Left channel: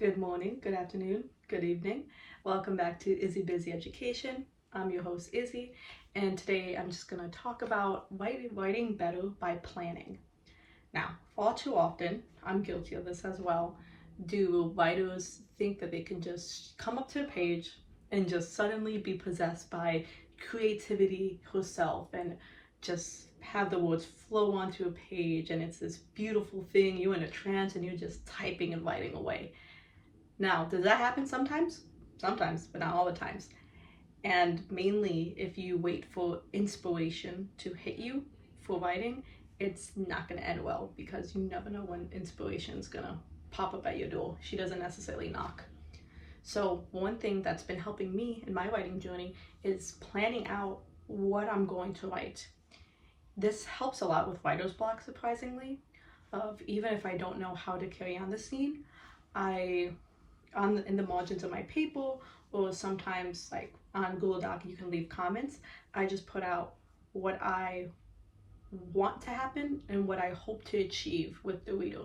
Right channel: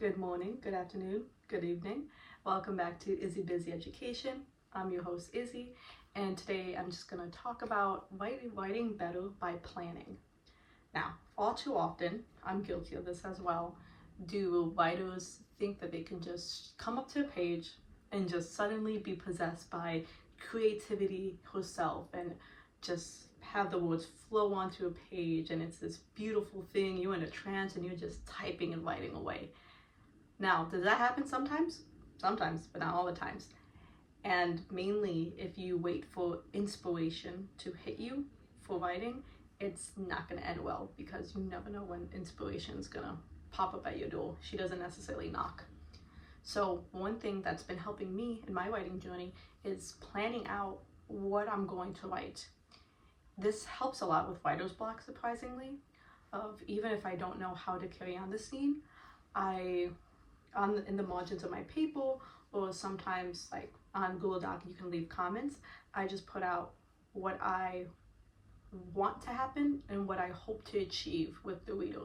Good morning, good afternoon, good evening. Welcome back to Izzy Busy Education. I'm your host Izzy, and today I'm just going to talk about writing better by planning. Now, far too often, I'm guilty of this as well, do writers think that they can just come up to a page and just suddenly be possessed by creativity herself and just have the words flow onto a page, and it's this beautiful thing, you're in a trance and you're just typing and writing away. Now, does that happen sometimes? Sometimes, but not all the times. And mainly if you wait for inspiration to hit you for writing, it's not going to end well, because you never know when inspiration's going to pop up at your door. She doesn't necessarily knock. So one thing that's been helping me in my writing journey is planning out what I'm going to write. This helps a lot with writer's block, surprisingly. Even if I don't know how to carry on the scene, in the margins of my paper, or sometimes like on Google Doc you can leave comments, I just put out what I want to happen and what I hope to achieve with the reader.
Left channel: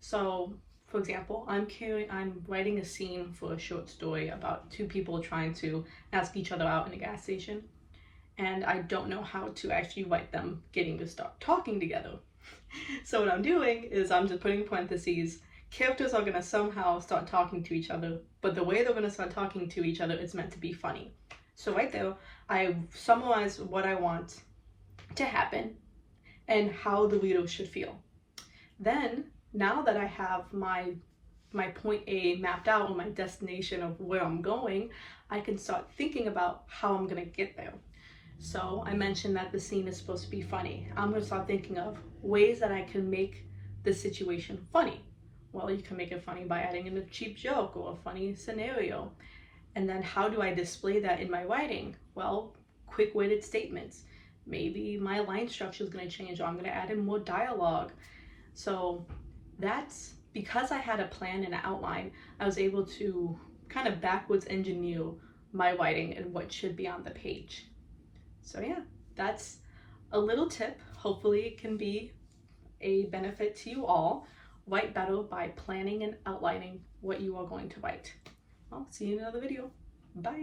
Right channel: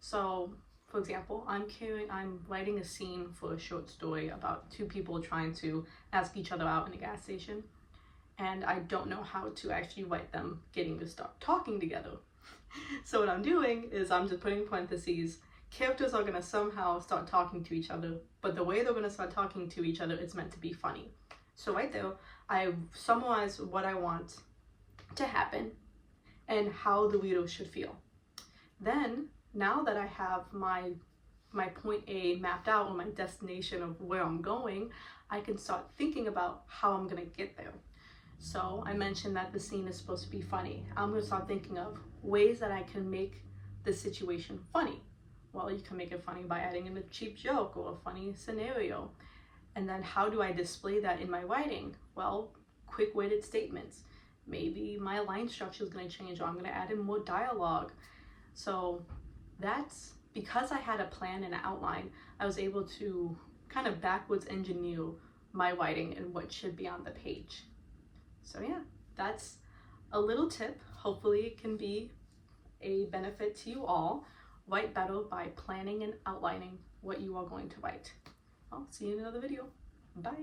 So for example, I'm writing a scene for a short story about two people trying to ask each other out in a gas station, and I don't know how to actually write them getting to start talking together. So what I'm doing is I'm just putting parentheses. Characters are going to somehow start talking to each other, but the way they're going to start talking to each other is meant to be funny. So right there, I summarize what I want to happen and how the reader should feel. Then, now that I have my point A mapped out, or my destination of where I'm going, I can start thinking about how I'm going to get there. So I mentioned that the scene is supposed to be funny. I'm going to start thinking of ways that I can make the situation funny. Well, you can make it funny by adding in a cheap joke or a funny scenario. And then how do I display that in my writing? Well, quick-witted statements. Maybe my line structure is going to change, or I'm going to add in more dialogue. So that's because I had a plan and an outline, I was able to kind of backwards engineer my writing and what should be on the page. So yeah, that's a little tip. Hopefully it can be a benefit to you all. Write better by planning and outlining what you are going to write. I'll see you in another video. Bye.